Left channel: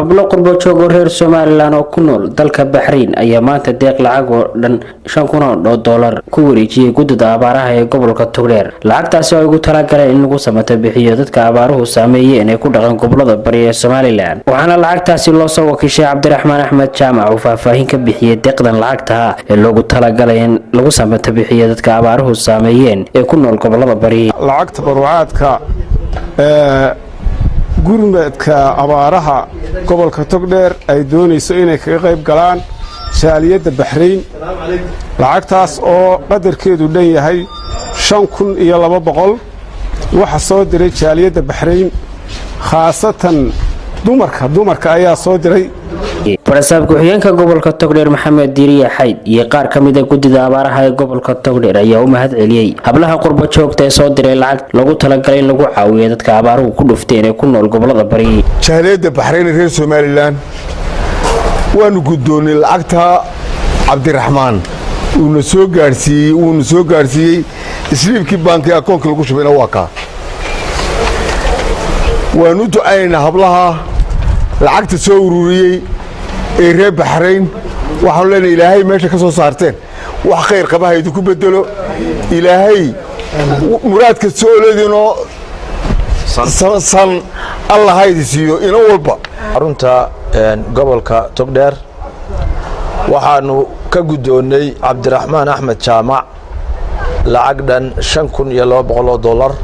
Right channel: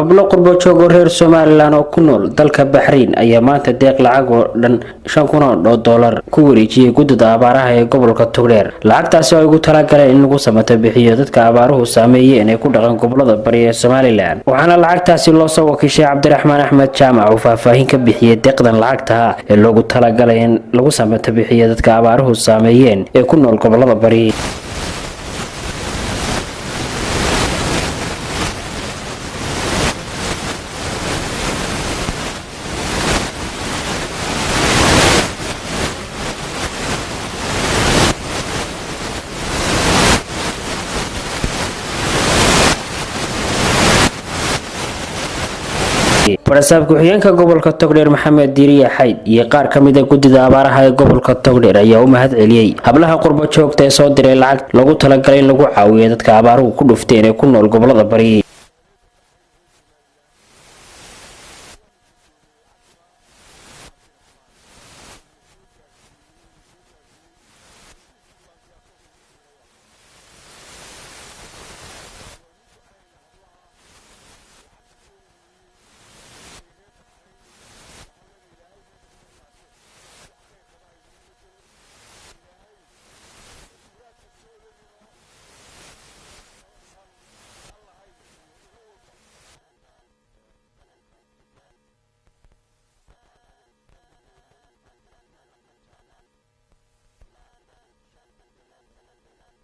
hablo qurbo joogo reer Soomaaliland oo ku nool dalka Bahrain ayaa maanta deeq lacag oo dhan $5,000 ku wareejiyay guddida abaaraha ee gobolka Togdheer. Lacagtaasi oo ugu talagaleen in lagu samato bixiyo dadka abaaruhu saameeyeen ee ku dhaqan gobolada bari ee Soomaaliland. Waxaana lacagtaasi loo soo wakiishay Cabdiraxmaan Axmed Jaamac oo faahfaahin ka bixiyay deeqdan lacagta ee loogu talagalay in lagu samato bixiyo dadka abaaruhu saameeyeen ee ku nool gobolada bari. Lacagta barwaaqadka gurmadka abaaraha gobolka Togdheer ay doonayso inay ka qayb galaan jaaliyadda Bahrain. Lacagtaas oo qadarkeedu dhan yahay $5,200 waxa soo diray jaaliyadda Bahrain, khaasatan dumarka ayaa soo diray. Barasab ku-xigeenka gobolka Togdheer Maxamed Diiriye Xayd iyo qaar ka mid ah guddida abaaraha ee gobolka Togdheer ayaa u mahad celiyay hablaha qurbo joogta ee soo diray lacag lagu talagalay in lagu caawiyo dadka abaaruhu ku dhufteen ee ku nool gobolada bari. jaaliyadda Bahrain reer Soomaaliland waanu guddoonay lacagta Cabdiraxmaan uuna soo gaarsiiyay isliibkii bankiga akoonka lagu shubeyna waa ka waanu ducaynaa hablaha lacagta soo ururiyay ee reer Bahrain. waxaan leenahay ilaahay meesha ka soo saarteen wax khayr qabaha idinku bedelo, ilaahay muraadka soo leedino san Allah haydi siiyo ina walba. Arunta gobolka Togdheer waxaanu ka guddoonay Cabdiraxmaan Axmed Jaamac lacag dhan $5,200.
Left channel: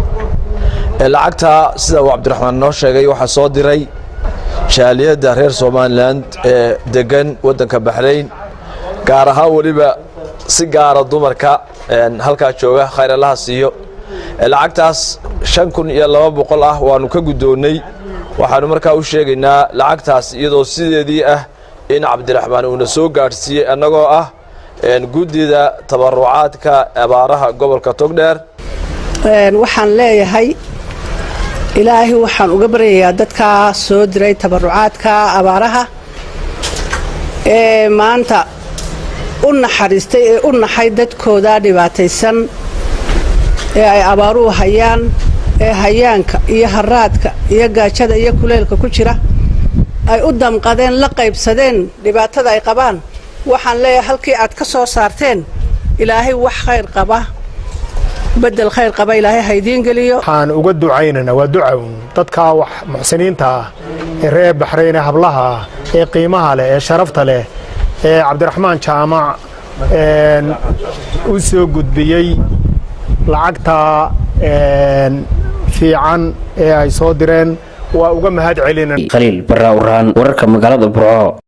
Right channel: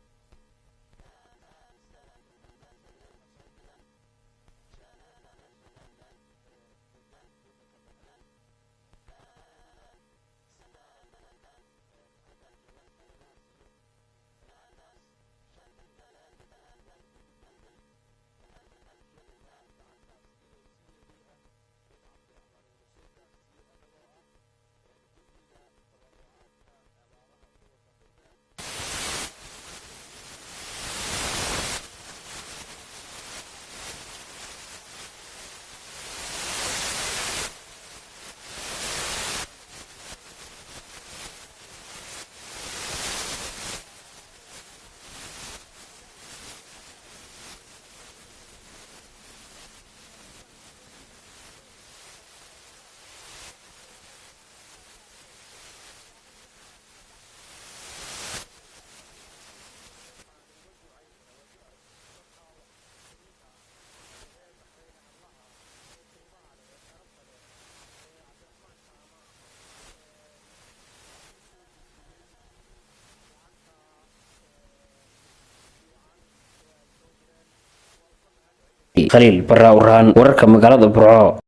lacagta sida uu Cabdiraxmaan noo sheegay waxa soo diray jaaliyadda reer Soomaaliland ee degan wadanka Bahrain, gaar ahaan waliba si gaar ah dumarka halka jooga khayr Allah siiyo. lacagtaas $5,200 ah waanu ka guddoonay. waxaanu markaa u sheegaynaa lacagtaas iyadoo sideedii ah in Cabdiraxmaan uu soo gaarsiiyay annagoo ah guddida tabarucaadka abaaraha gobolka Togdheer. waxaan leeyahay ilaahay waxaan uga baryayaa dadka soo diray tabarucaadka abaaraha ee maanta u naxariistay ee u naxay dadkooda dhibaataysan ee ay abaaruhu hayaan, ee hayaanka iyo haraadka iyo gaajada iyo kuleelka ku jira ay u damqadeen, la qaybsadeen dhibaatada ay qabaan. waxaan leeyahay halkii aad ka soo saarteen ilaahay wax khayr qaba بدل خير قبائل هاي هيدين قليو حان وجد عيننا ودعون تدكا وح محسنين تا الريب بحرين هبلها قيمها له شرفت له عبد الرحمن جامع وسو قد بيي لعقتها في عن اي صادرين ووجم هاد علينا خليل برا ورهان وركب مقالة برعو.